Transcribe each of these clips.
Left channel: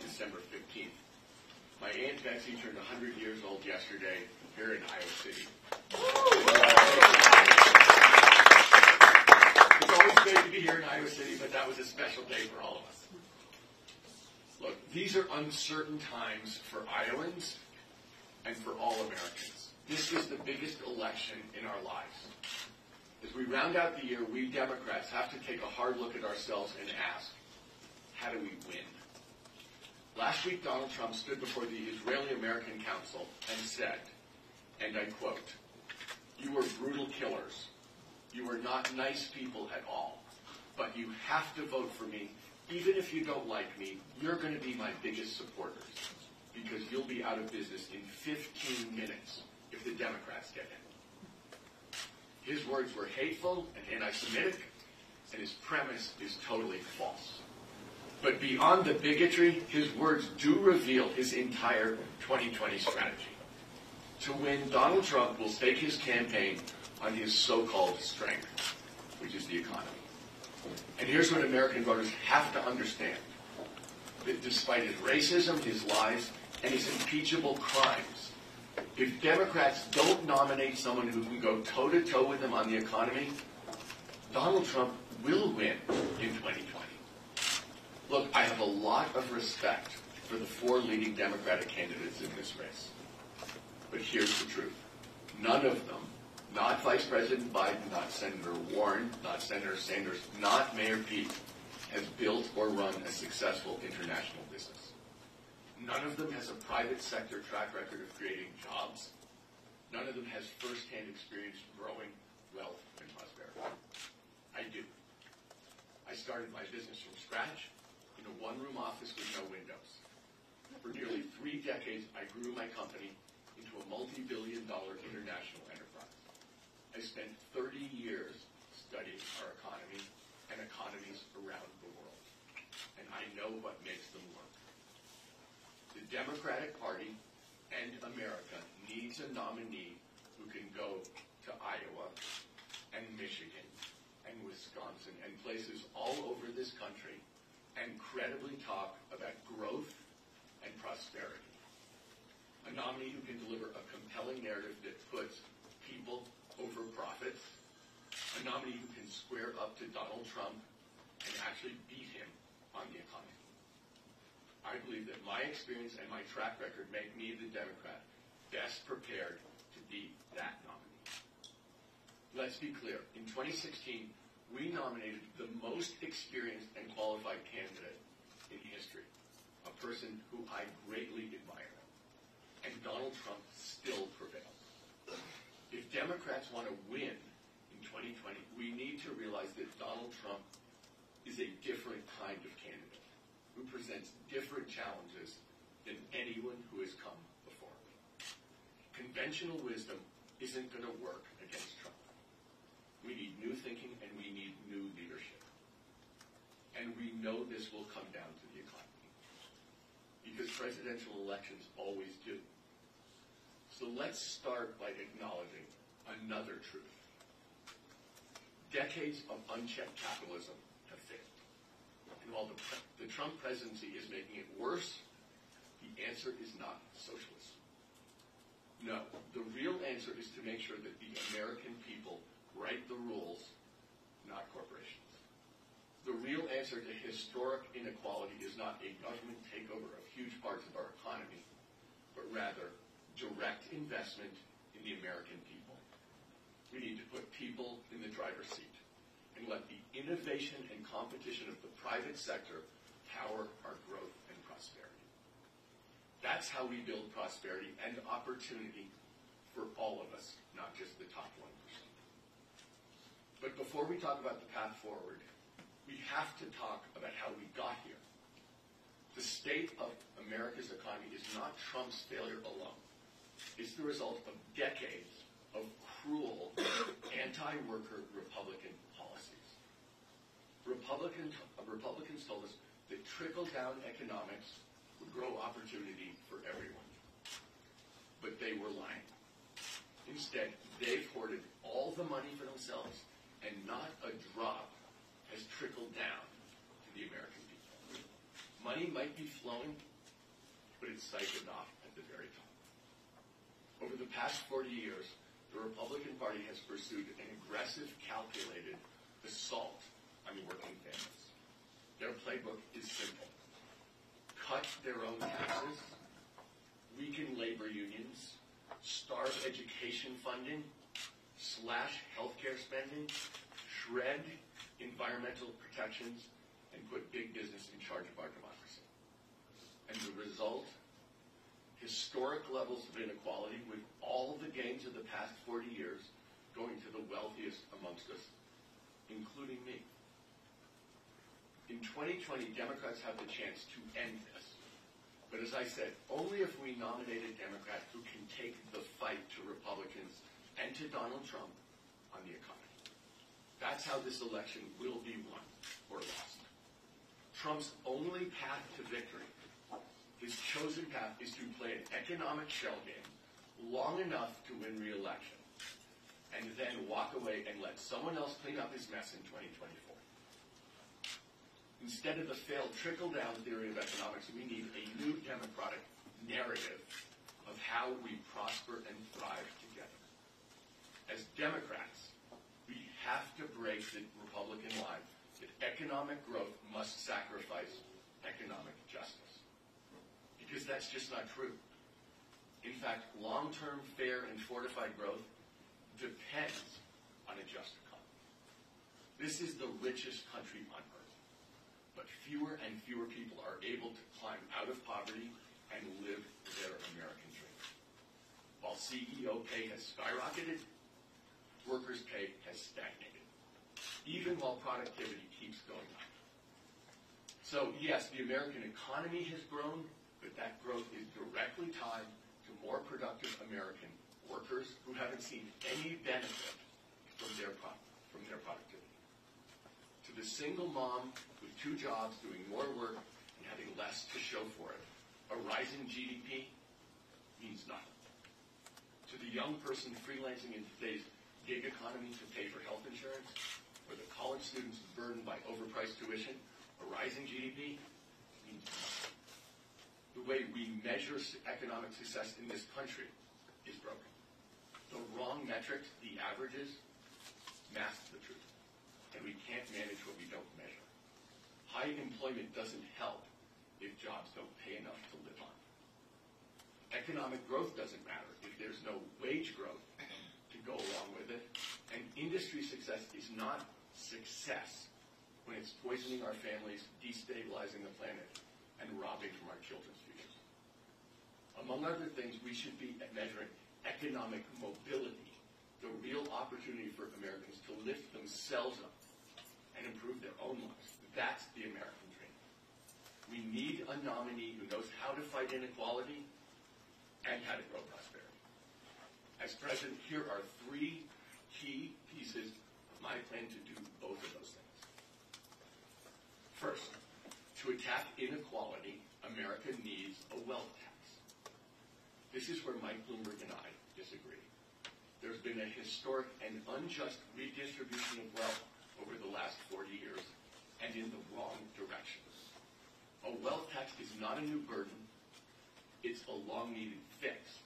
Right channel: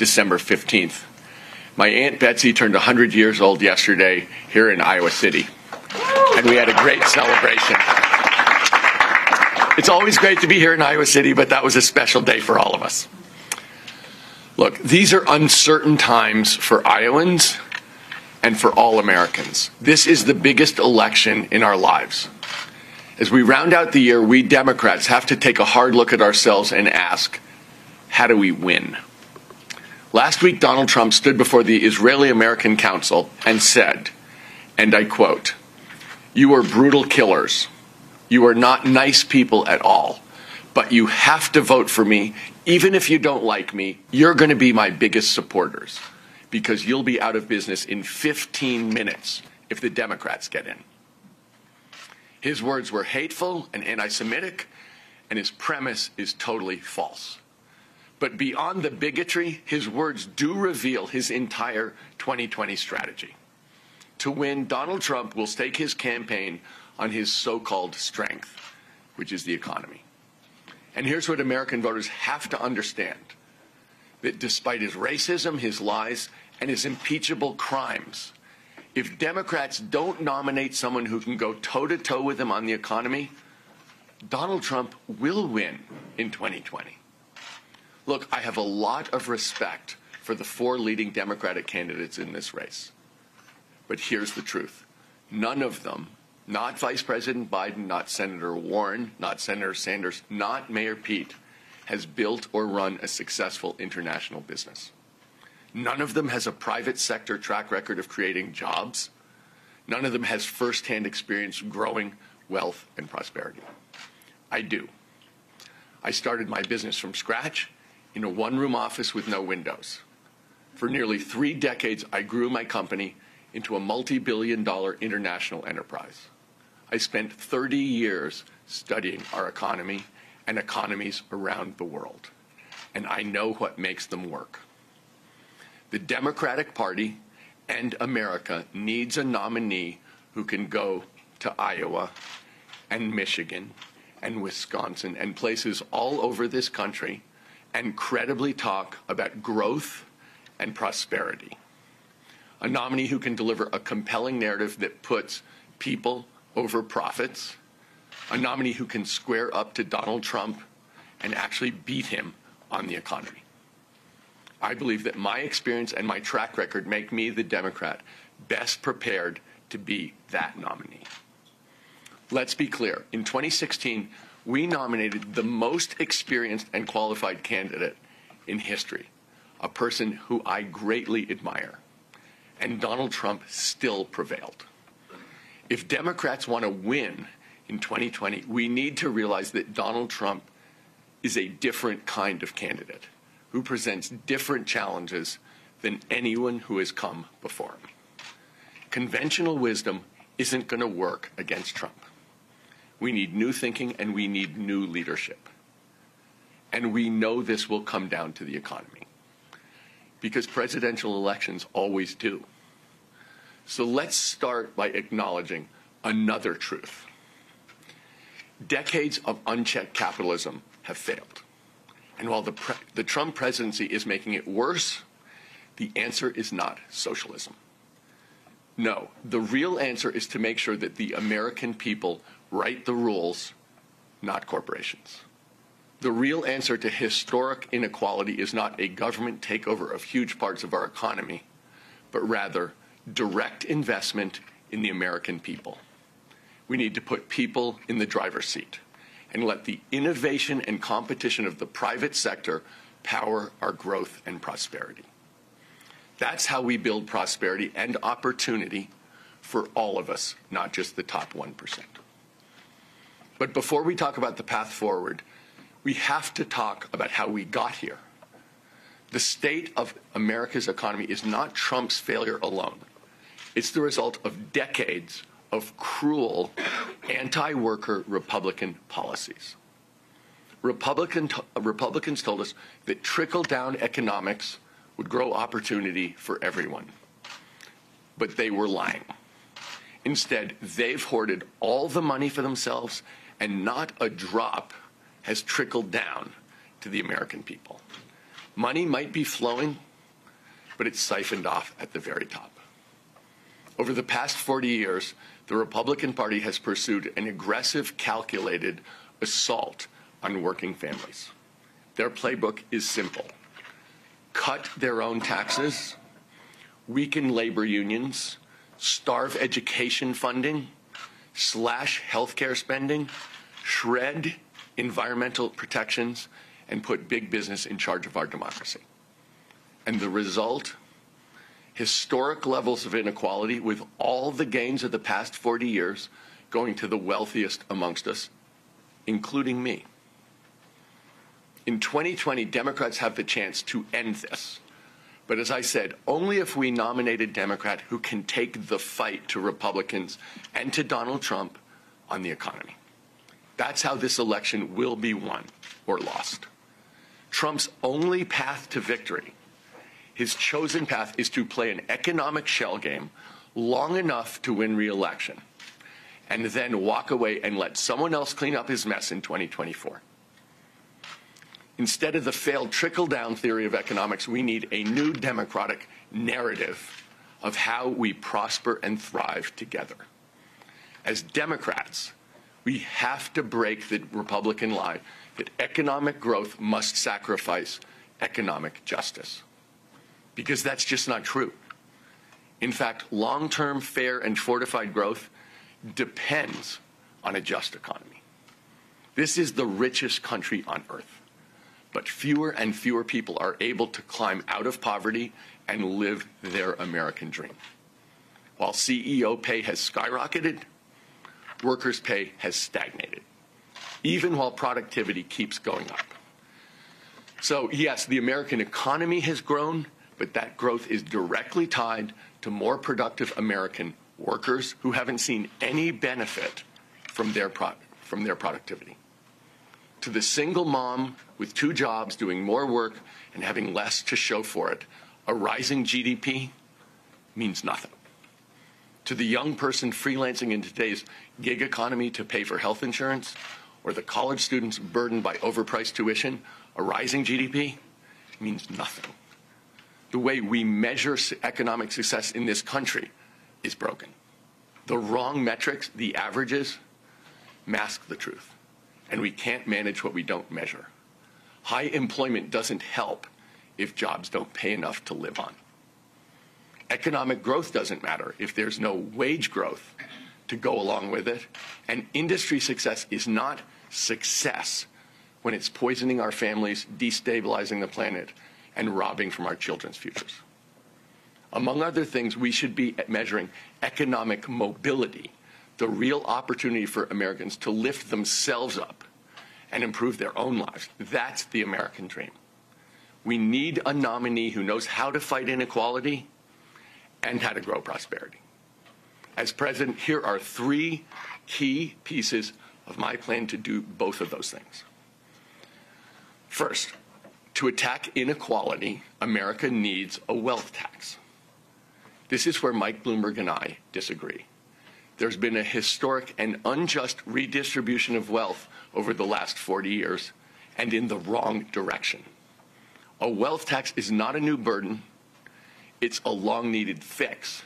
December 15th. My Aunt Betsy turned 100 years old yesterday here in Iowa City, and we had a great celebration. It's always great to be here in Iowa City, but that was a special day for all of us. Look, these are uncertain times for Iowans and for all Americans. This is the biggest election in our lives. As we round out the year, we Democrats have to take a hard look at ourselves and ask, how do we win? Last week, Donald Trump stood before the Israeli-American Council and said, and I quote, "You are brutal killers. You are not nice people at all. But you have to vote for me. Even if you don't like me, you're going to be my biggest supporters because you'll be out of business in 15 minutes if the Democrats get in." His words were hateful and anti-Semitic, and his premise is totally false. But beyond the bigotry, his words do reveal his entire 2020 strategy. To win, Donald Trump will stake his campaign on his so-called strength, which is the economy. And here's what American voters have to understand, that despite his racism, his lies, and his impeachable crimes, if Democrats don't nominate someone who can go toe-to-toe with him on the economy, Donald Trump will win in 2020. Look, I have a lot of respect for the four leading Democratic candidates in this race. But here's the truth. None of them, not Vice President Biden, not Senator Warren, not Senator Sanders, not Mayor Pete, has built or run a successful international business. None of them has a private sector track record of creating jobs. None of them has firsthand experience growing wealth and prosperity. I do. I started my business from scratch in a one-room office with no windows. For nearly 3 decades, I grew my company into a multi-billion-dollar international enterprise. I spent 30 years studying our economy and economies around the world, and I know what makes them work. The Democratic Party and America needs a nominee who can go to Iowa and Michigan and Wisconsin and places all over this country and credibly talk about growth and prosperity. A nominee who can deliver a compelling narrative that puts people over profits. A nominee who can square up to Donald Trump and actually beat him on the economy. I believe that my experience and my track record make me, the Democrat, best prepared to be that nominee. Let's be clear. In 2016, we nominated the most experienced and qualified candidate in history, a person who I greatly admire. And Donald Trump still prevailed. If Democrats want to win in 2020, we need to realize that Donald Trump is a different kind of candidate who presents different challenges than anyone who has come before him. Conventional wisdom isn't going to work against Trump. We need new thinking and we need new leadership. And we know this will come down to the economy because presidential elections always do. So let's start by acknowledging another truth. Decades of unchecked capitalism have failed. And while the Trump presidency is making it worse, the answer is not socialism. No, the real answer is to make sure that the American people write the rules, not corporations. The real answer to historic inequality is not a government takeover of huge parts of our economy, but rather direct investment in the American people. We need to put people in the driver's seat and let the innovation and competition of the private sector power our growth and prosperity. That's how we build prosperity and opportunity for all of us, not just the top 1%. But before we talk about the path forward, we have to talk about how we got here. The state of America's economy is not Trump's failure alone. It's the result of decades of cruel anti-worker Republican policies. Republicans told us that trickle-down economics would grow opportunity for everyone. But they were lying. Instead, they've hoarded all the money for themselves, and not a drop has trickled down to the American people. Money might be flowing, but it's siphoned off at the very top. Over the past 40 years, the Republican Party has pursued an aggressive, calculated assault on working families. Their playbook is simple: cut their own taxes, weaken labor unions, starve education funding, slash healthcare spending, shred environmental protections, and put big business in charge of our democracy. And the result? Historic levels of inequality, with all the gains of the past 40 years going to the wealthiest amongst us, including me. In 2020, Democrats have the chance to end this. But as I said, only if we nominate a Democrat who can take the fight to Republicans and to Donald Trump on the economy. That's how this election will be won or lost. Trump's only path to victory, his chosen path, is to play an economic shell game long enough to win re-election, and then walk away and let someone else clean up his mess in 2024. Instead of the failed trickle-down theory of economics, we need a new democratic narrative of how we prosper and thrive together. As Democrats, we have to break the Republican lie that economic growth must sacrifice economic justice, because that's just not true. In fact, long-term, fair, and fortified growth depends on a just economy. This is the richest country on earth, but fewer and fewer people are able to climb out of poverty and live their American dream. While CEO pay has skyrocketed, workers' pay has stagnated, even while productivity keeps going up. So yes, the American economy has grown, but that growth is directly tied to more productive American workers who haven't seen any benefit from their productivity. To the single mom with 2 jobs doing more work and having less to show for it, a rising GDP means nothing. To the young person freelancing in today's gig economy to pay for health insurance, or the college students burdened by overpriced tuition, a rising GDP means nothing. The way we measure economic success in this country is broken. The wrong metrics, the averages, mask the truth. And we can't manage what we don't measure. High employment doesn't help if jobs don't pay enough to live on. Economic growth doesn't matter if there's no wage growth to go along with it. And industry success is not success when it's poisoning our families, destabilizing the planet, and robbing from our children's futures. Among other things, we should be measuring economic mobility, the real opportunity for Americans to lift themselves up and improve their own lives. That's the American dream. We need a nominee who knows how to fight inequality and how to grow prosperity. As president, here are 3 key pieces of my plan to do both of those things. First, to attack inequality, America needs a wealth tax. This is where Mike Bloomberg and I disagree. There's been a historic and unjust redistribution of wealth over the last 40 years, and in the wrong direction. A wealth tax is not a new burden. It's a long-needed fix.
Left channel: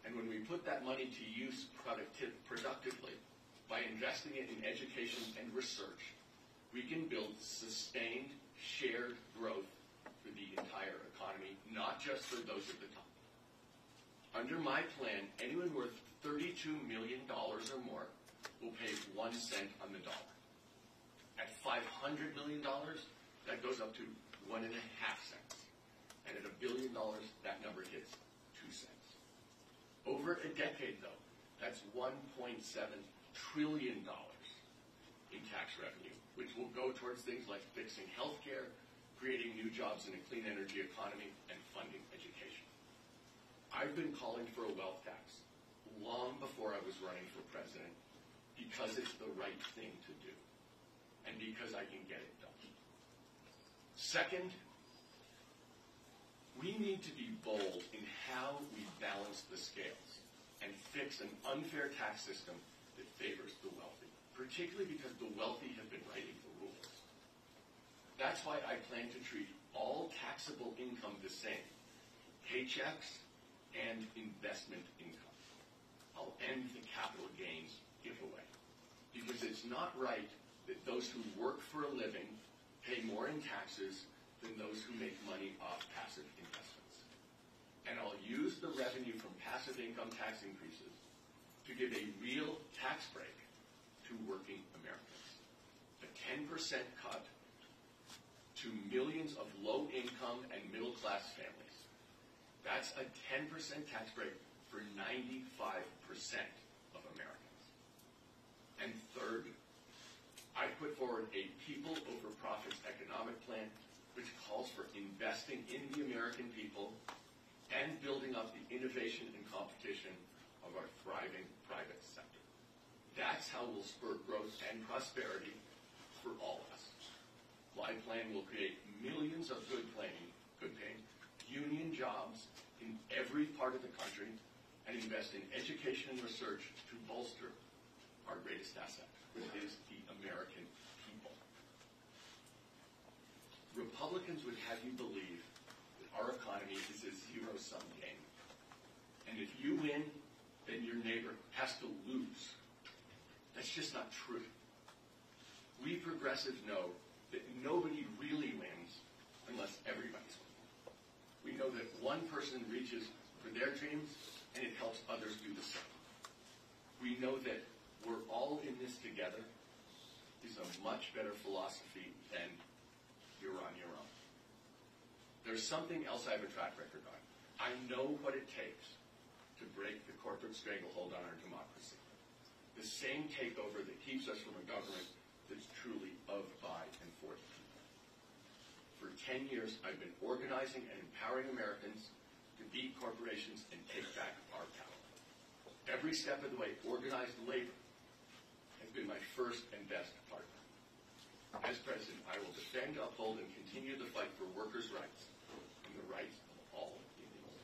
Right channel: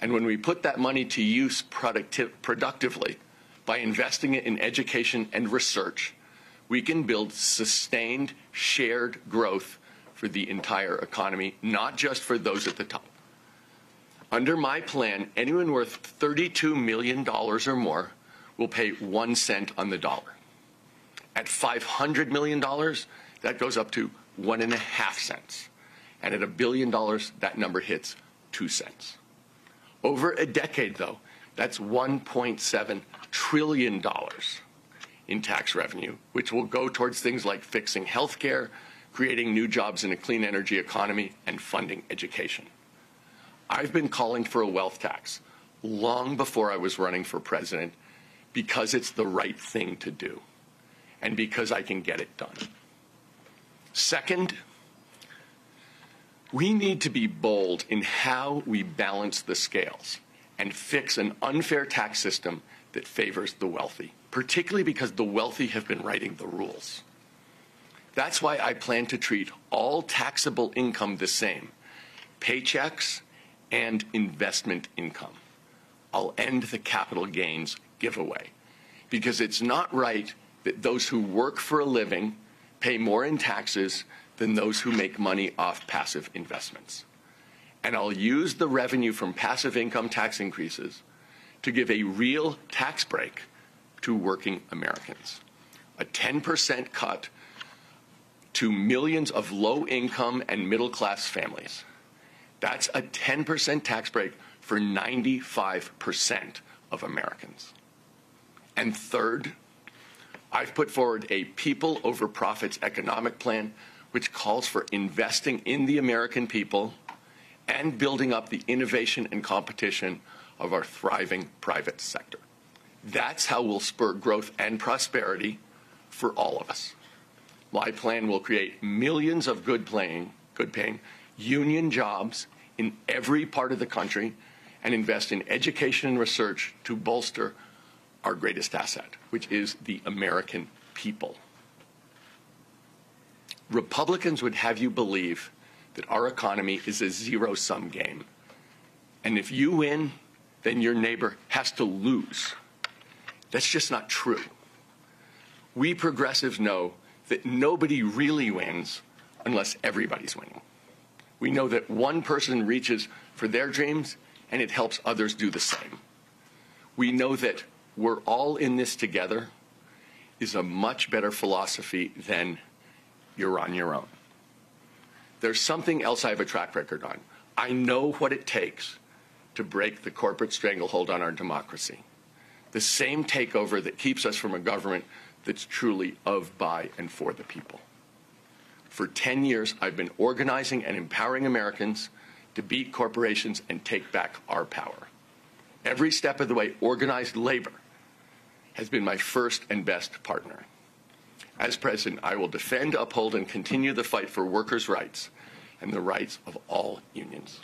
And when we put that money to use productively by investing it in education and research, we can build sustained, shared growth for the entire economy, not just for those at the top. Under my plan, anyone worth $32 million or more will pay 1 cent on the dollar. At $500 million, that goes up to 1.5 cents. And at $1 billion, that number hits 2 cents. Over a decade, though, that's $1.7 trillion in tax revenue, which will go towards things like fixing health care, creating new jobs in a clean energy economy, and funding education. I've been calling for a wealth tax long before I was running for president because it's the right thing to do and because I can get it done. Second, we need to be bold in how we balance the scales and fix an unfair tax system that favors the wealthy, particularly because the wealthy have been writing the rules. That's why I plan to treat all taxable income the same, paychecks and investment income. I'll end the capital gains giveaway because it's not right that those who work for a living pay more in taxes than those who make money off passive investments. And I'll use the revenue from passive income tax increases to give a real tax break to working Americans. A 10% cut to millions of low-income and middle-class families. That's a 10% tax break for 95% of Americans. And third, I've put forward a people over profits economic plan which calls for investing in the American people and building up the innovation and competition of our thriving private sector. That's how we'll spur growth and prosperity for all of us. My plan will create millions of good-paying union jobs in every part of the country and invest in education and research to bolster our greatest asset, which is the American people. Republicans would have you believe that our economy is a zero-sum game. And if you win, then your neighbor has to lose. That's just not true. We progressives know that nobody really wins unless everybody's winning. We know that one person reaches for their dreams and it helps others do the same. We know that we're all in this together is a much better philosophy than you're on your own. There's something else I have a track record on. I know what it takes to break the corporate stranglehold on our democracy. The same takeover that keeps us from a government that's truly of, by, and for the people. For 10 years, I've been organizing and empowering Americans to beat corporations and take back our power. Every step of the way, organized labor has been my first and best partner. As president, I will defend, uphold, and continue the fight for workers' rights and the rights of all unions.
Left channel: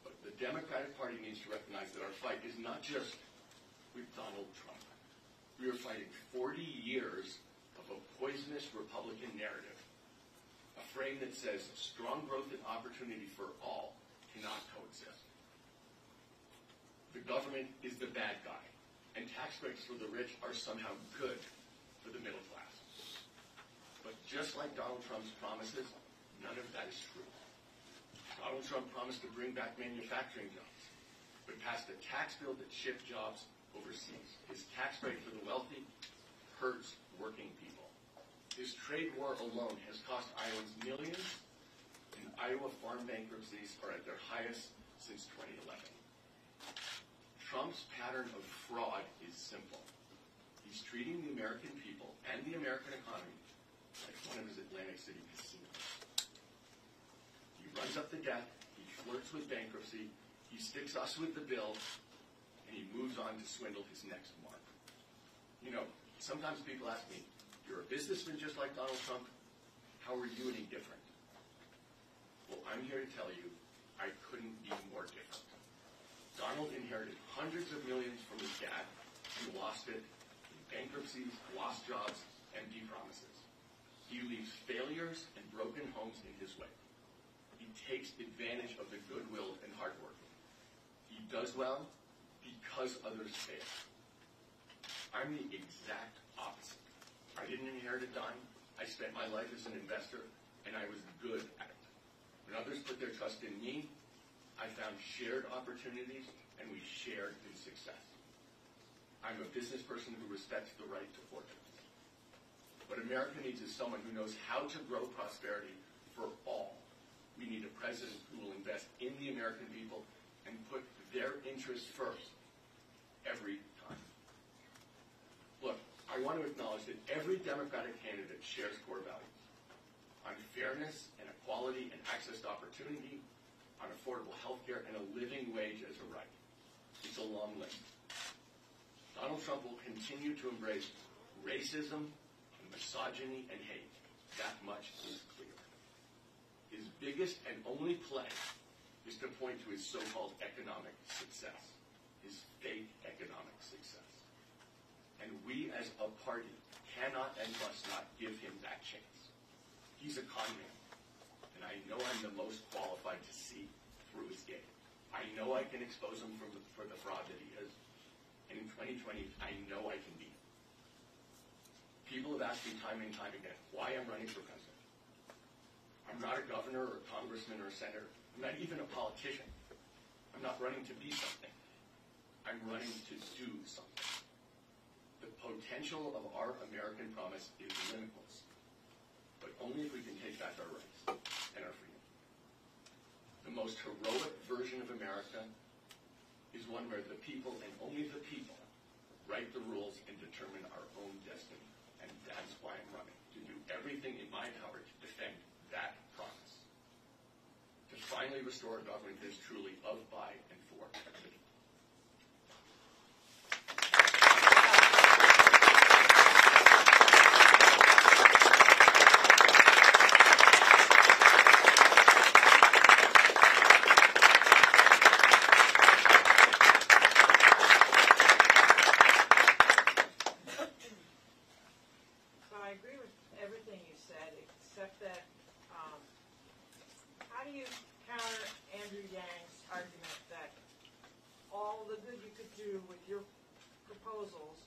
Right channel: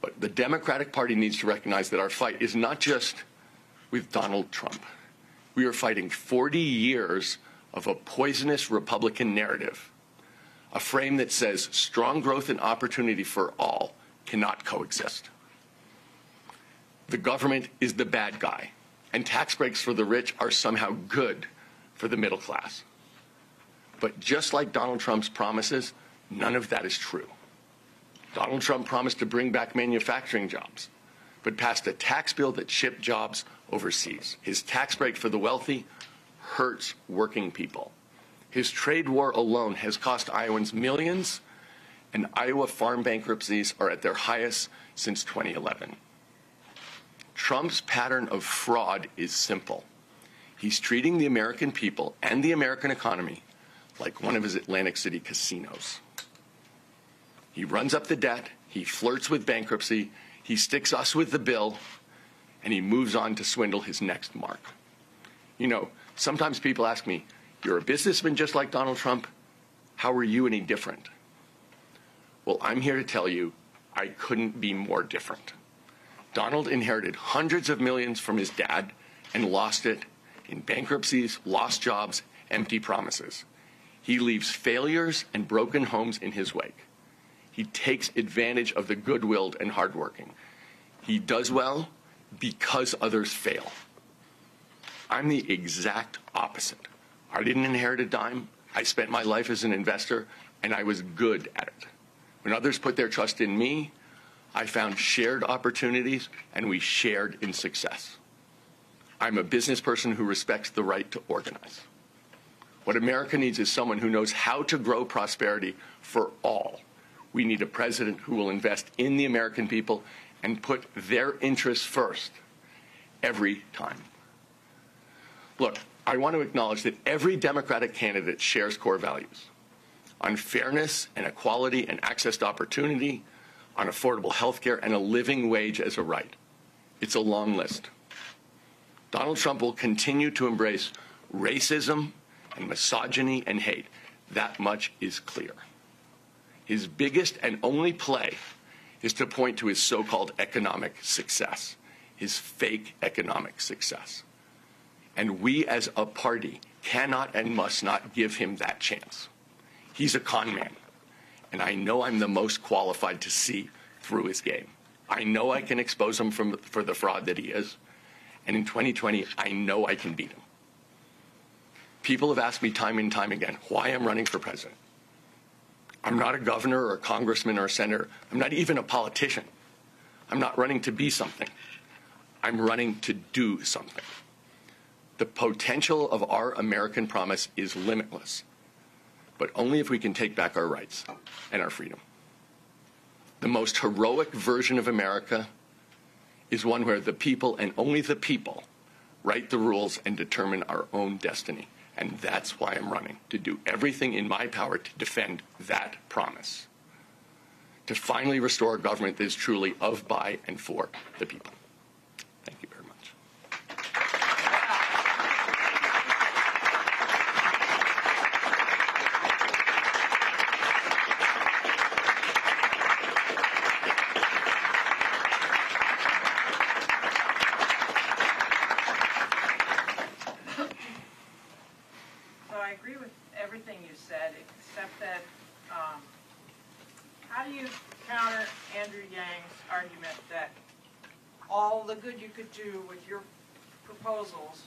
But the Democratic Party needs to recognize that our fight is not just with Donald Trump. We are fighting 40 years of a poisonous Republican narrative, a frame that says strong growth and opportunity for all cannot coexist. The government is the bad guy, and tax breaks for the rich are somehow good for the middle class. But just like Donald Trump's promises, none of that is true. Donald Trump promised to bring back manufacturing jobs, but passed a tax bill that shipped jobs overseas. His tax break for the wealthy hurts working people. His trade war alone has cost Iowans millions, and Iowa farm bankruptcies are at their highest since 2011. Trump's pattern of fraud is simple. He's treating the American people and the American economy like one of his Atlantic City casinos. He runs up the debt, he flirts with bankruptcy, he sticks us with the bill, and he moves on to swindle his next mark. You know, sometimes people ask me, you're a businessman just like Donald Trump, how are you any different? Well, I'm here to tell you, I couldn't be more different. Donald inherited hundreds of millions from his dad and lost it in bankruptcies, lost jobs, empty promises. He leaves failures and broken homes in his wake. He takes advantage of the good-willed and hardworking. He does well because others fail. I'm the exact opposite. I didn't inherit a dime. I spent my life as an investor, and I was good at it. When others put their trust in me, I found shared opportunities, and we shared in success. I'm a business person who respects the right to organize. What America needs is someone who knows how to grow prosperity for all. We need a president who will invest in the American people and put their interests first every time. Look, I want to acknowledge that every Democratic candidate shares core values on fairness and equality and access to opportunity, on affordable health care and a living wage as a right. It's a long list. Donald Trump will continue to embrace racism and misogyny and hate. That much is clear. His biggest and only play is to point to his so-called economic success, his fake economic success. And we as a party cannot and must not give him that chance. He's a con man. and I know I'm the most qualified to see through his game. I know I can expose him for the fraud that he is, and in 2020, I know I can beat him. People have asked me time and time again why I'm running for president. I'm not a governor or a congressman or a senator. I'm not even a politician. I'm not running to be something. I'm running to do something. The potential of our American promise is limitless, but only if we can take back our rights and our freedom. The most heroic version of America is one where the people and only the people write the rules and determine our own destiny. And that's why I'm running, to do everything in my power to defend that promise, to finally restore a government that is truly of, by, and for the people. Thank you very much. So I agree with everything you said, except that how do you counter Andrew Yang's argument that all the good you could do with your proposals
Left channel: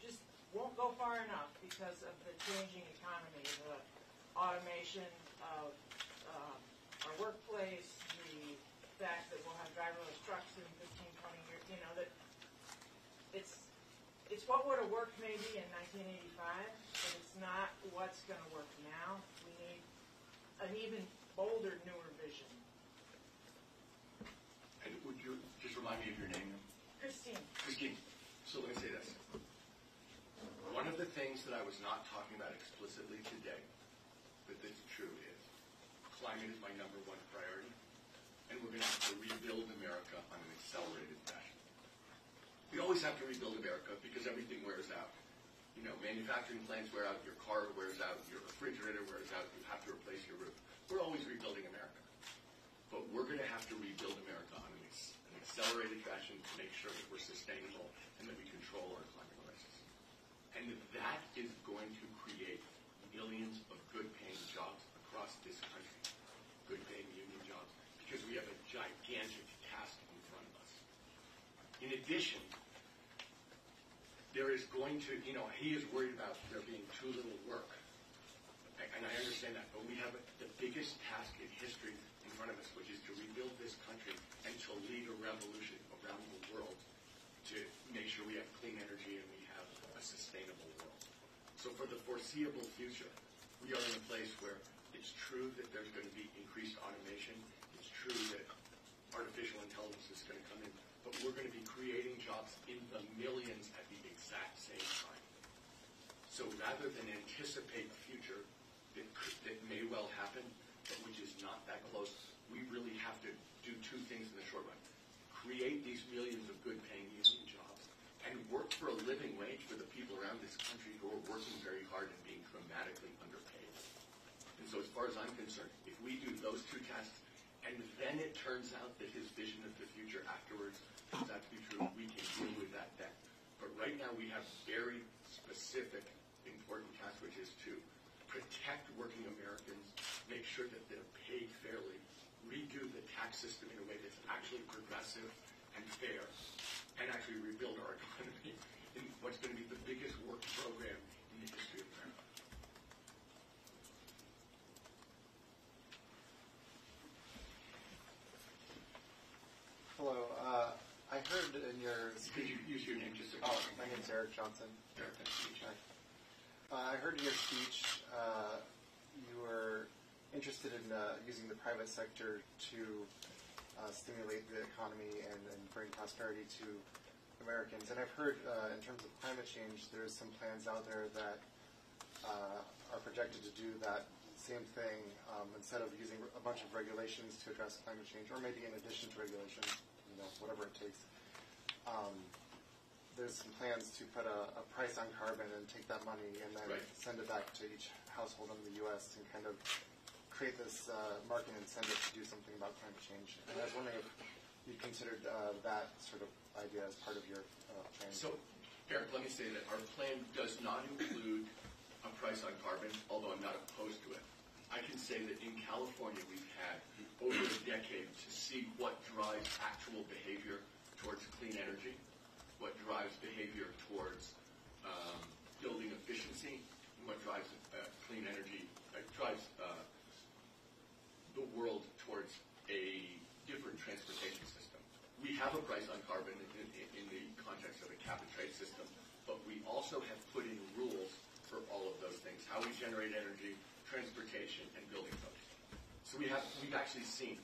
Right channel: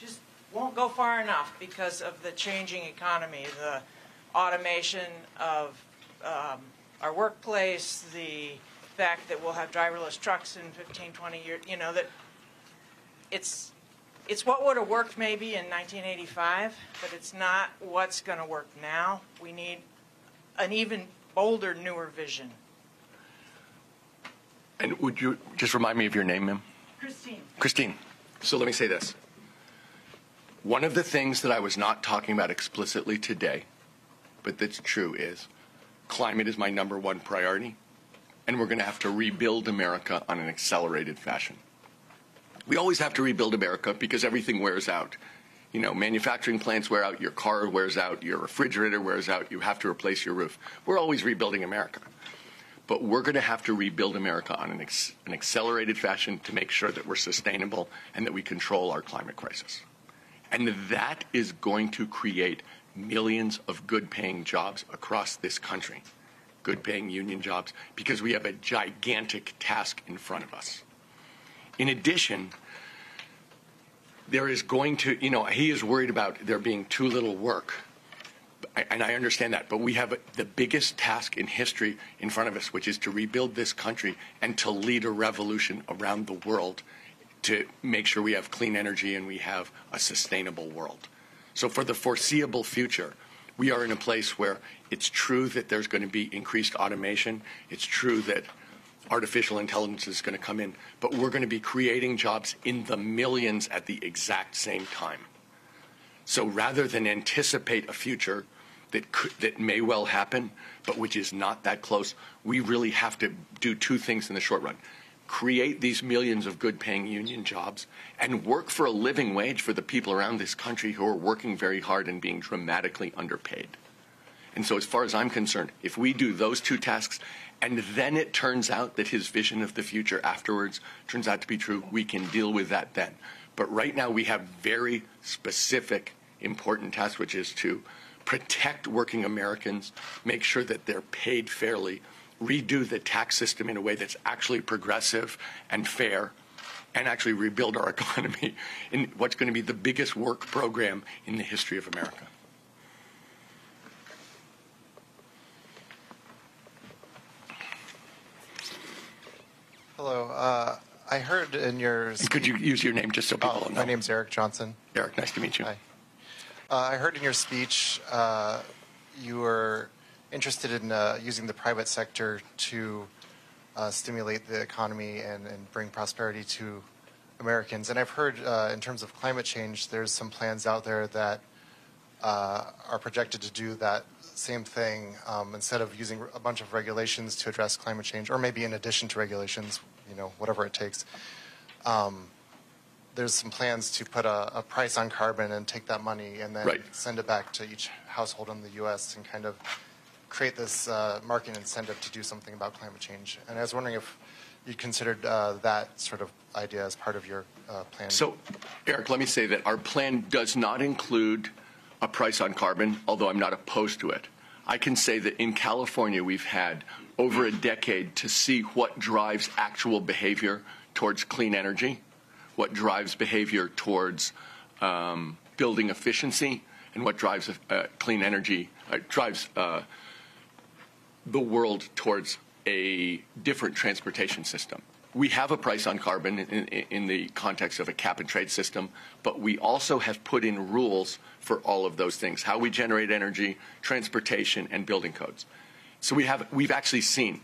just won't go far enough because of the changing economy, the automation of our workplace, the fact that we'll have driverless trucks in 15, 20 years, you know, that it's what would have worked maybe in 1985, but it's not what's going to work now. We need an even bolder, newer vision. And would you just remind me of your name, ma'am? Christine. Christine. So let me say this. One of the things that I was not talking about explicitly today, but that's true, is climate is my #1 priority, and we're going to have to rebuild America on an accelerated fashion. We always have to rebuild America because everything wears out. You know, manufacturing plants wear out, your car wears out, your refrigerator wears out, you have to replace your roof. We're always rebuilding America. But we're going to have to rebuild America on an accelerated fashion to make sure that we're sustainable and that we control our climate crisis. And that is going to create millions of good-paying jobs across this country, good-paying union jobs, because we have a gigantic task in front of us. In addition, there is going to, you know, he is worried about there being too little work. And I understand that, but we have the biggest task in history in front of us, which is to rebuild this country and to lead a revolution around the world to make sure we have clean energy and we have a sustainable world. So for the foreseeable future, we are in a place where it's true that there's going to be increased automation. It's true that artificial intelligence is going to come in, but we're going to be creating jobs in the millions at the exact same time. So rather than anticipate a future that may well happen, but which is not that close, we really have to do two things in the short run. Create these millions of good-paying union jobs and work for a living wage for the people around this country who are working very hard and being dramatically underpaid. And so as far as I'm concerned, if we do those two tasks, and then it turns out that his vision of the future afterwards turns out to be true, we can deal with that then. But right now we have very specific, important tasks, which is to protect working Americans, make sure that they're paid fairly, redo the tax system in a way that's actually progressive and fair, and actually rebuild our economy in what's going to be the biggest work program in the history of America. Hello. I heard in your... And could you use your name just so people know? My name's Eric Johnson. Eric, nice to meet you. Hi. I heard in your speech you were interested in using the private sector to stimulate the economy and bring prosperity to Americans. And I've heard in terms of climate change, there's some plans out there that are projected to do that same thing instead of using a bunch of regulations to address climate change, or maybe in addition to regulations, you know, whatever it takes. There's some plans to put a price on carbon and take that money and then send it back to each household in the U.S. and kind of create this market incentive to do something about climate change. And I was wondering if you considered that sort of idea as part of your plan. So, Eric, let me say that our plan does not include a price on carbon, although I'm not opposed to it. I can say that in California, we've had over a decade to see what drives actual behavior towards clean energy, what drives behavior towards building efficiency, and what drives clean energy, drives the world towards a different transportation system. We have a price on carbon in the context of a cap and trade system, but we also have put in rules for all of those things, how we generate energy, transportation, and building codes. So we've actually seen,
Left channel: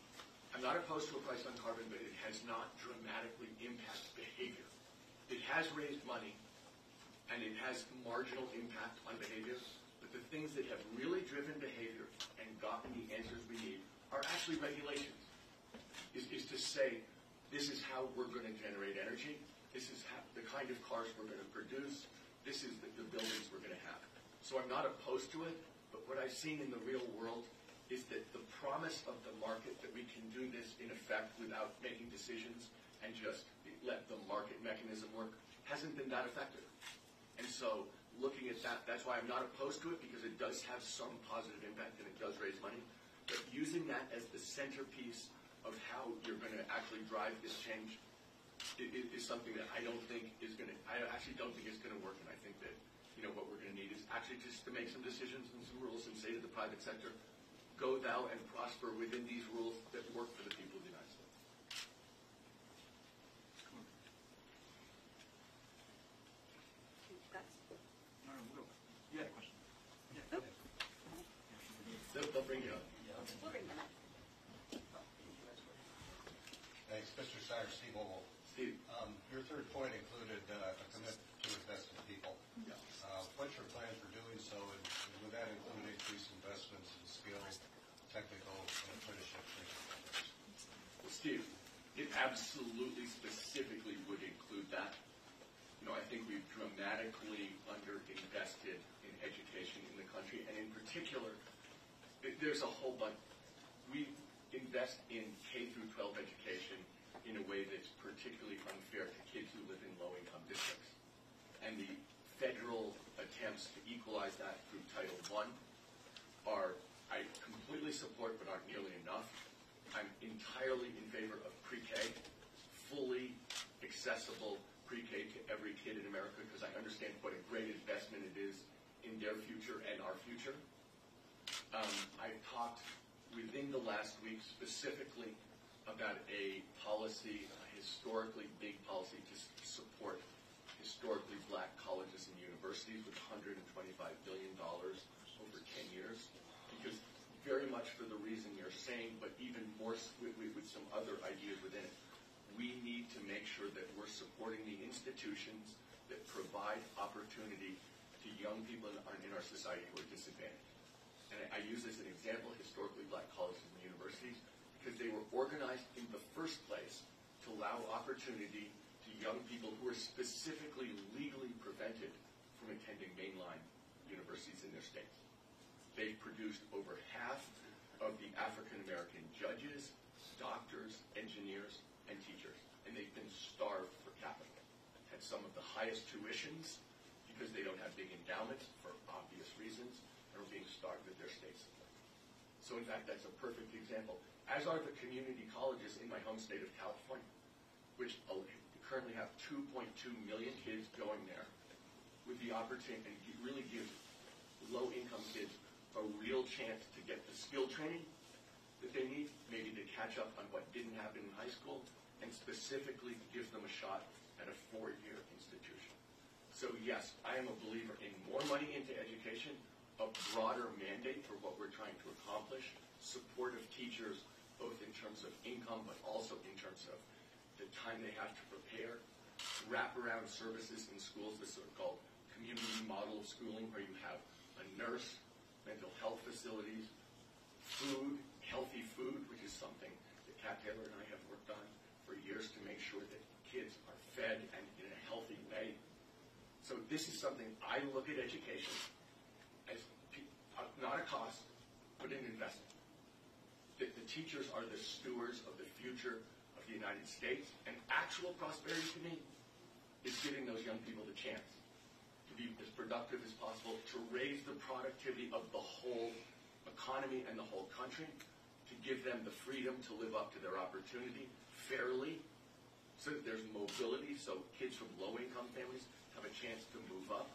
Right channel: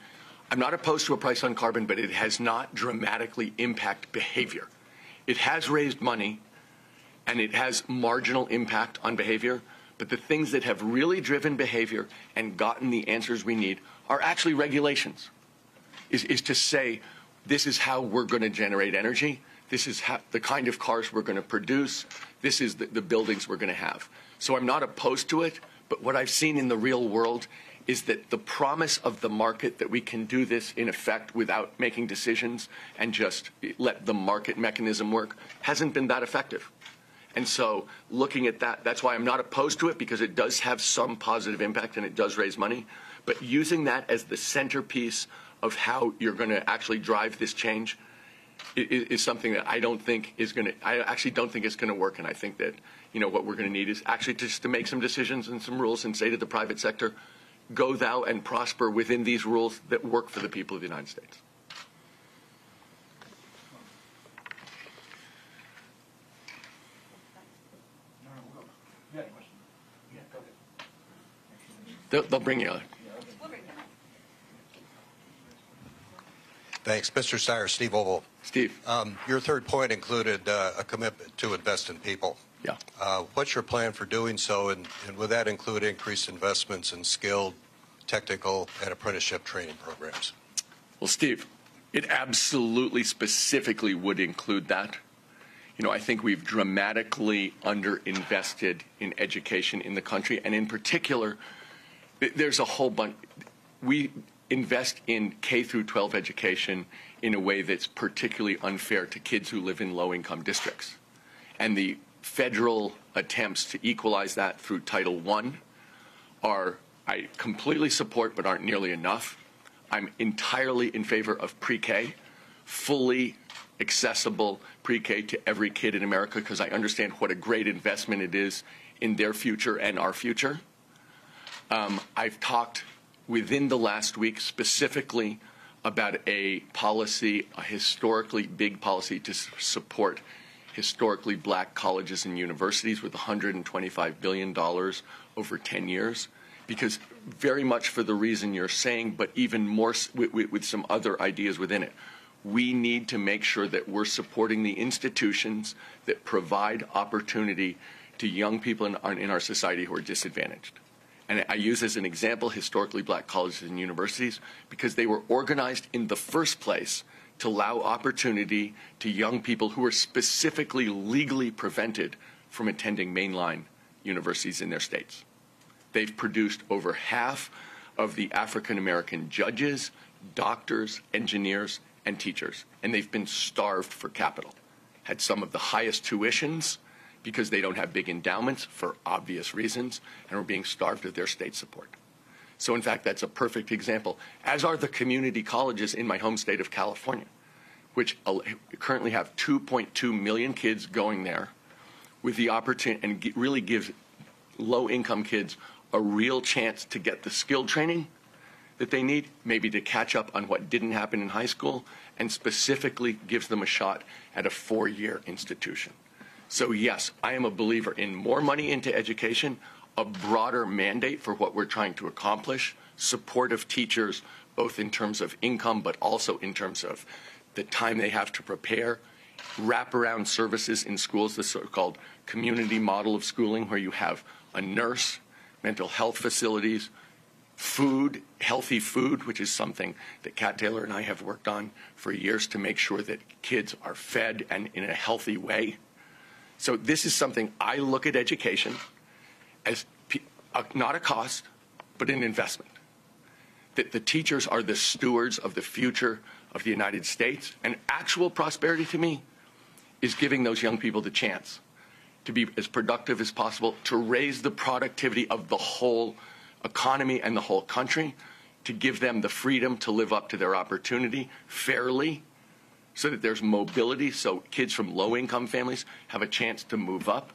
I'm not opposed to a price on carbon, but it has not dramatically impacted behavior. It has raised money, and it has marginal impact on behavior, but the things that have really driven behavior and gotten the answers we need are actually regulations, is to say, this is how we're going to generate energy. This is how, the kind of cars we're going to produce. This is the buildings we're going to have. So I'm not opposed to it, but what I've seen in the real world is that the promise of the market that we can do this in effect without making decisions and just let the market mechanism work hasn't been that effective. And so looking at that, that's why I'm not opposed to it, because it does have some positive impact and it does raise money. But using that as the centerpiece of how you're going to actually drive this change is something that I don't think is going to, I actually don't think it's going to work. And I think that, what we're going to need is actually just to make some decisions and some rules and say to the private sector, go thou and prosper within these rules that work for the people of the United States. They'll bring you on. Thanks. Mr. Steyer, Steve Oval. Steve. Your third point included a commitment to invest in people. Yeah. What's your plan for doing so, and would that include increased investments in skilled, technical, and apprenticeship training programs? Well, Steve, it absolutely specifically would include that. I think we've dramatically underinvested in education in the country, and in particular, there's a whole bunch. We invest in K through 12 education in a way that's particularly unfair to kids who live in low-income districts. And the federal attempts to equalize that through Title I I completely support, but aren't nearly enough. I'm entirely in favor of pre-K, fully accessible pre-K to every kid in America, because I understand what a great investment it is in their future and our future. I've talked within the last week specifically about a policy, a historically big policy to support historically black colleges and universities with $125 billion over 10 years. Because very much for the reason you're saying, but even more with some other ideas within it, we need to make sure that we're supporting the institutions that provide opportunity to young people in our society who are disadvantaged. And I use as an example historically black colleges and universities because they were organized in the first place to allow opportunity to young people who were specifically legally prevented from attending mainline universities in their states. They've produced over half of the African American judges, doctors, engineers, and teachers, and they've been starved for capital. Had some of the highest tuitions because they don't have big endowments for obvious reasons, and are being starved of their state support. So in fact, that's a perfect example, as are the community colleges in my home state of California, which currently have 2.2 million kids going there with the opportunity, and really gives low-income kids a real chance to get the skill training that they need, maybe to catch up on what didn't happen in high school, and specifically gives them a shot at a 4-year institution. So yes, I am a believer in more money into education, a broader mandate for what we're trying to accomplish, support of teachers, both in terms of income, but also in terms of the time they have to prepare, wraparound services in schools, the so-called community model of schooling, where you have a nurse, mental health facilities, food, healthy food, which is something that Kat Taylor and I have worked on for years to make sure that kids are fed and in a healthy way. So this is something I look at education as not a cost, but an investment. That the teachers are the stewards of the future of the United States, and actual prosperity to me is giving those young people the chance to be as productive as possible, to raise the productivity of the whole economy and the whole country, to give them the freedom to live up to their opportunity fairly, so that there's mobility, so kids from low-income families have a chance to move up.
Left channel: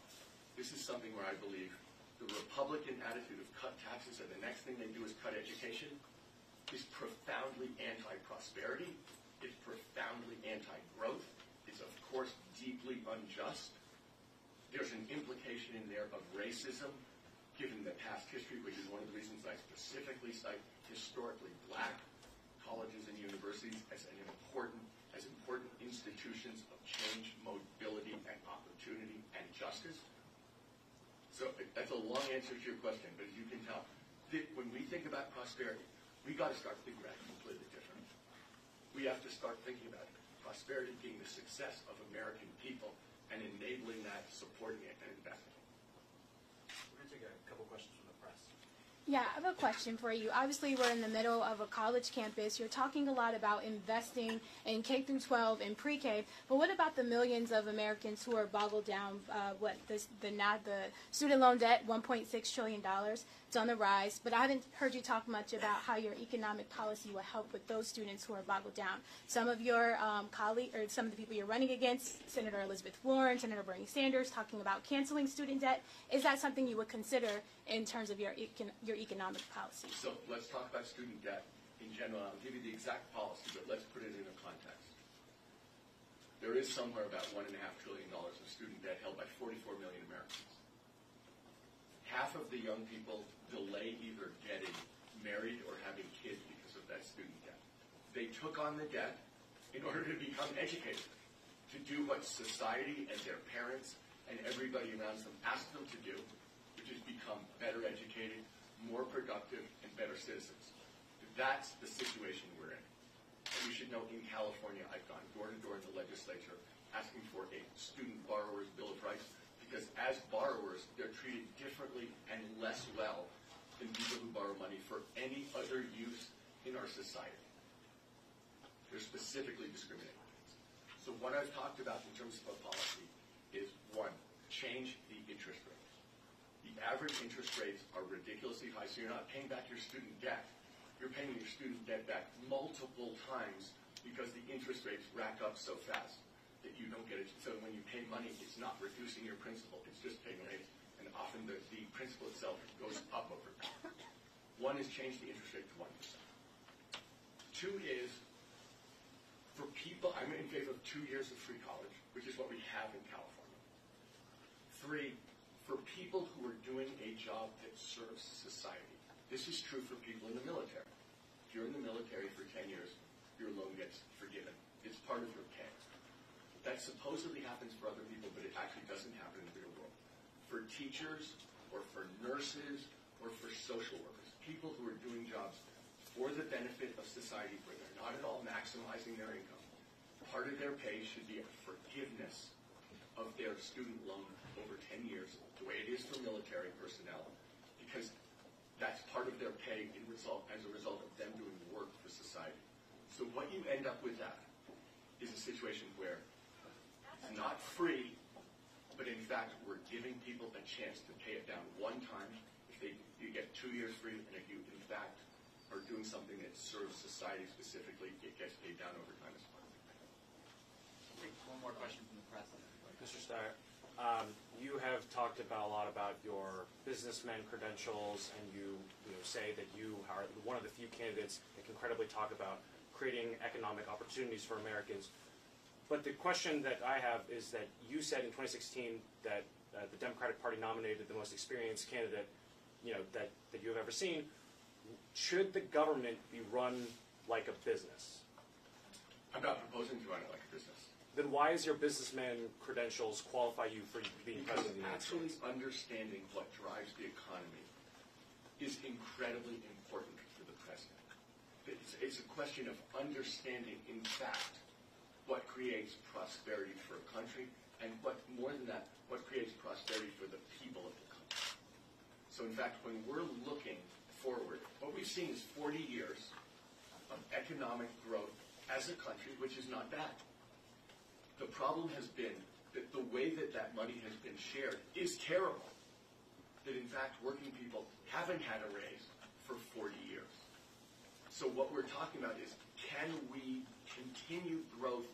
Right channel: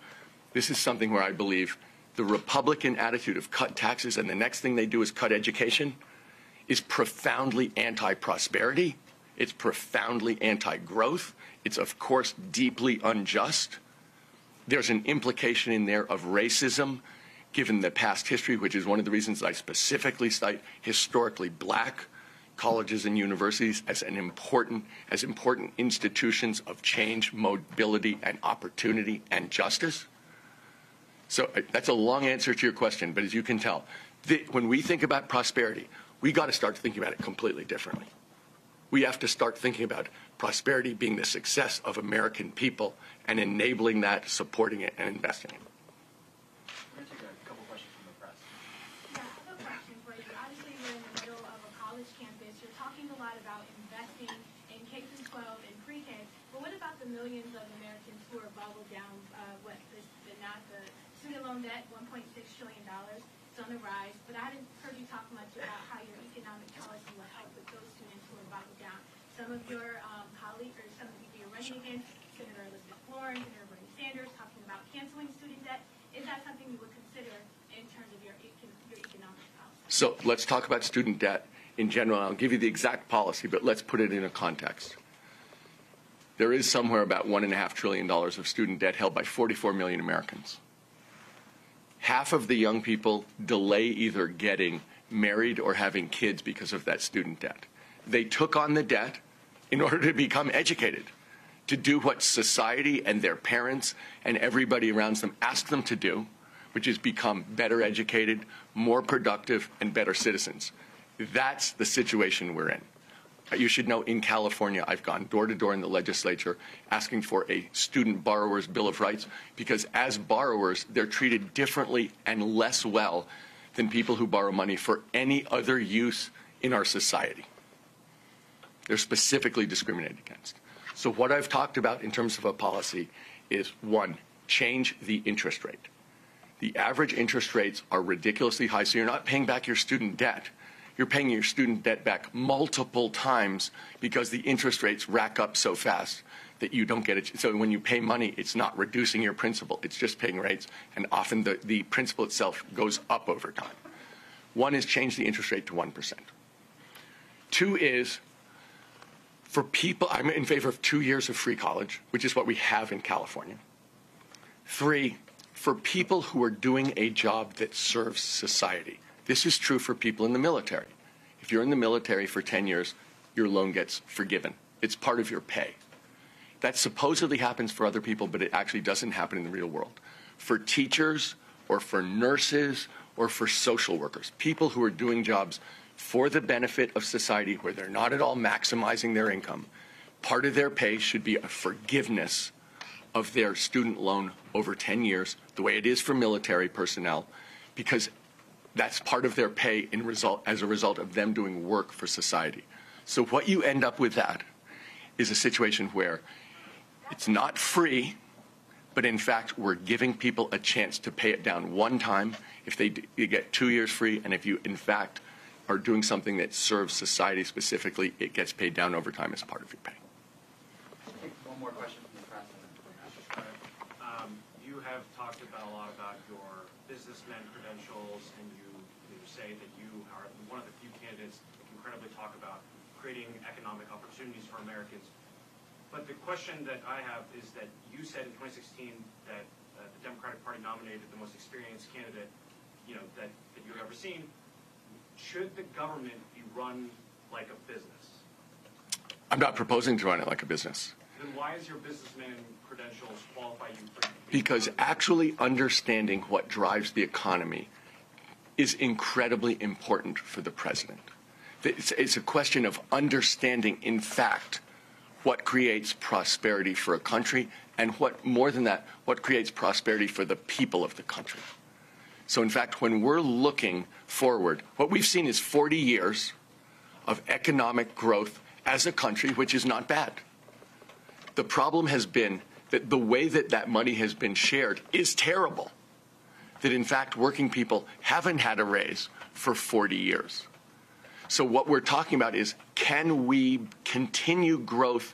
This is something where I believe the Republican attitude of cut taxes and the next thing they do is cut education is profoundly anti-prosperity. It's profoundly anti-growth. It's, of course, deeply unjust. There's an implication in there of racism, given the past history, which is one of the reasons I specifically cite historically black colleges and universities as important institutions of change, mobility, and opportunity and justice. So that's a long answer to your question, but as you can tell, when we think about prosperity, we got to start thinking about it completely differently. We have to start thinking about prosperity being the success of American people and enabling that, supporting it, and investing in it. We're going to take a couple questions from the press. Yeah, I have a question for you. Obviously, we're in the middle of a college campus. You're talking a lot about investing in K-12 and pre-K, but what about the millions of Americans who are boggled down? The student loan debt, $1.6 trillion. It's on the rise, but I haven't heard you talk much about how your economic policy will help with those students who are boggled down. Some of your colleagues, or some of the people you're running against, Senator Elizabeth Warren, Senator Bernie Sanders, talking about canceling student debt. Is that something you would consider in terms of your economic policy? So let's talk about student debt in general. I'll give you the exact policy, but let's put it in a context. There is somewhere about $1.5 trillion of student debt held by 44 million Americans. Half of the young people delay either getting married or having kids because of that student debt. They took on the debt in order to become educated, to do what society and their parents and everybody around them asked them to do, which is become better educated, more productive, and better citizens. That's the situation we're in. You should know in California, I've gone door to door in the legislature asking for a student borrower's bill of rights because as borrowers, they're treated differently and less well than people who borrow money for any other use in our society. They're specifically discriminated against. So what I've talked about in terms of a policy is, one, change the interest rate. The average interest rates are ridiculously high, so you're not paying back your student debt. You're paying your student debt back multiple times because the interest rates rack up so fast that you don't get it. So when you pay money, it's not reducing your principal. It's just paying rates, and often the principal itself goes up over time. One is change the interest rate to 1%. Two is, for people, I'm in favor of 2 years of free college, which is what we have in California. Three, for people who are doing a job that serves society. This is true for people in the military. If you're in the military for 10 years, your loan gets forgiven. It's part of your pay. That supposedly happens for other people, but it actually doesn't happen in the real world. For teachers or for nurses or for social workers, people who are doing jobs for the benefit of society where they're not at all maximizing their income, part of their pay should be a forgiveness of their student loan over 10 years, the way it is for military personnel, because that's part of their pay as a result of them doing work for society. So what you end up with that is a situation where it's not free, but in fact we're giving people a chance to pay it down one time if you get 2 years free, and if you in fact are doing something that serves society specifically, it gets paid down over time as part of your pay. Take one more question from the press. Mr. Steyer, you have talked about a lot about your businessman credentials, and you say that you are one of the few candidates that can credibly talk about creating economic opportunities for Americans. But the question that I have is that you said in 2016 that the Democratic Party nominated the most experienced candidate, that you have ever seen. Should the government be run like a business? I'm not proposing to run it like a business. Then why is your businessman credentials qualify you for being Because part of the actually understanding what drives the economy is incredibly important for the president. It's a question of understanding, in fact, what creates prosperity for a country, and what, more than that, what creates prosperity for the people of the country. So in fact, when we're looking forward, what we've seen is 40 years of economic growth as a country, which is not bad. The problem has been that the way that that money has been shared is terrible. That in fact, working people haven't had a raise for 40 years. So what we're talking about is, can we continue growth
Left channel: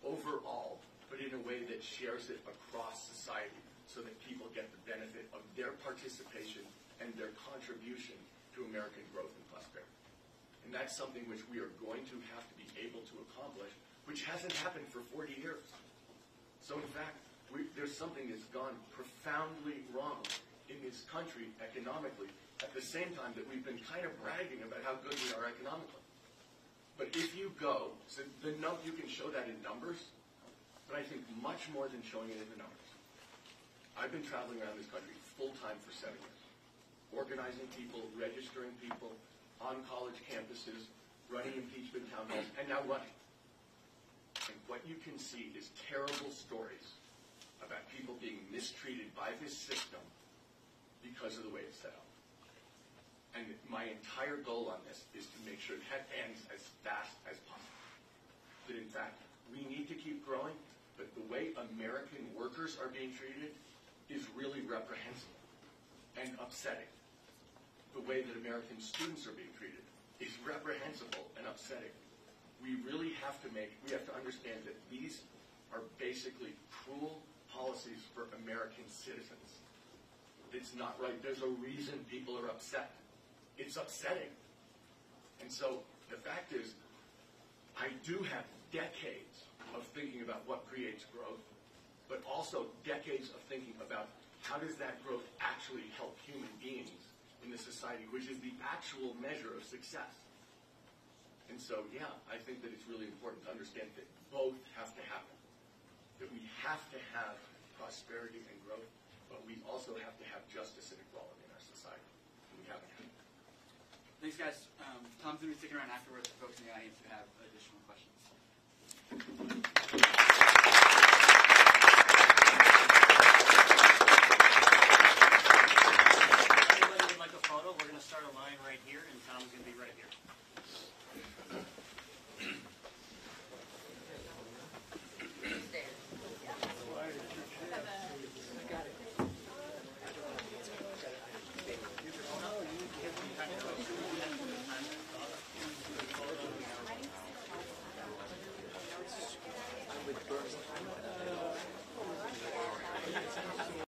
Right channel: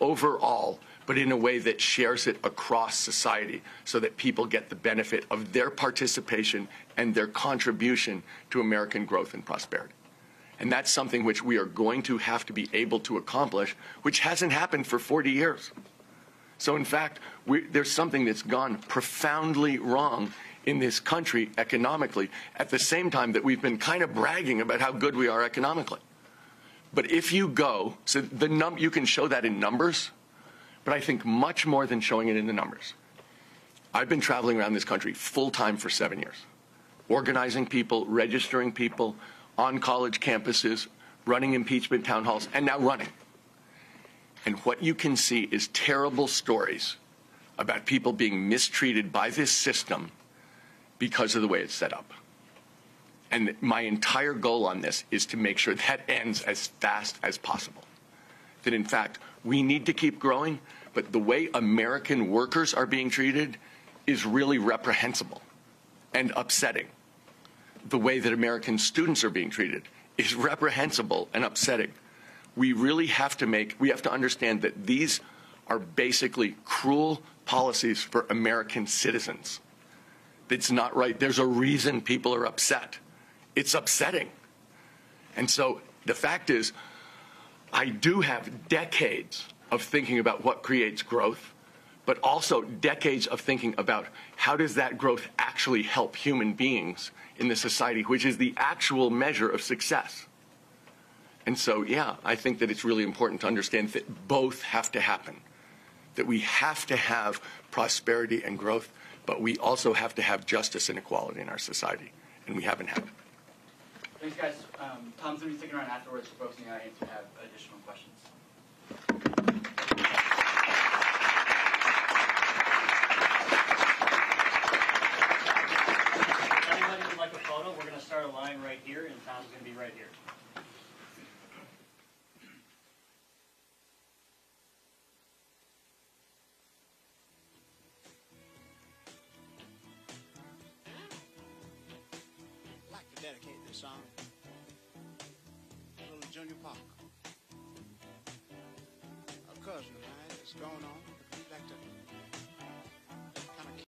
overall, but in a way that shares it across society so that people get the benefit of their participation and their contribution to American growth and prosperity. And that's something which we are going to have to be able to accomplish, which hasn't happened for 40 years. So in fact, there's something that's gone profoundly wrong in this country economically, at the same time that we've been kind of bragging about how good we are economically. But if you go, so you can show that in numbers, but I think much more than showing it in the numbers. I've been traveling around this country full-time for 7 years, organizing people, registering people on college campuses, running impeachment town halls, and now running. And what you can see is terrible stories about people being mistreated by this system because of the way it's set up. And my entire goal on this is to make sure that ends as fast as possible. That in fact, we need to keep growing, but the way American workers are being treated is really reprehensible and upsetting. The way that American students are being treated is reprehensible and upsetting. We really have to understand that these are basically cruel policies for American citizens. It's not right. There's a reason people are upset. It's upsetting. And so the fact is, I do have decades of thinking about what creates growth, but also decades of thinking about how does that growth actually help human beings in the society, which is the actual measure of success. And so, yeah, I think that it's really important to understand that both have to happen, that we have to have prosperity and growth, but we also have to have justice and equality in our society, and we haven't had it. Thanks, guys. Tom's going to be sticking around afterwards for folks in the audience who have additional questions.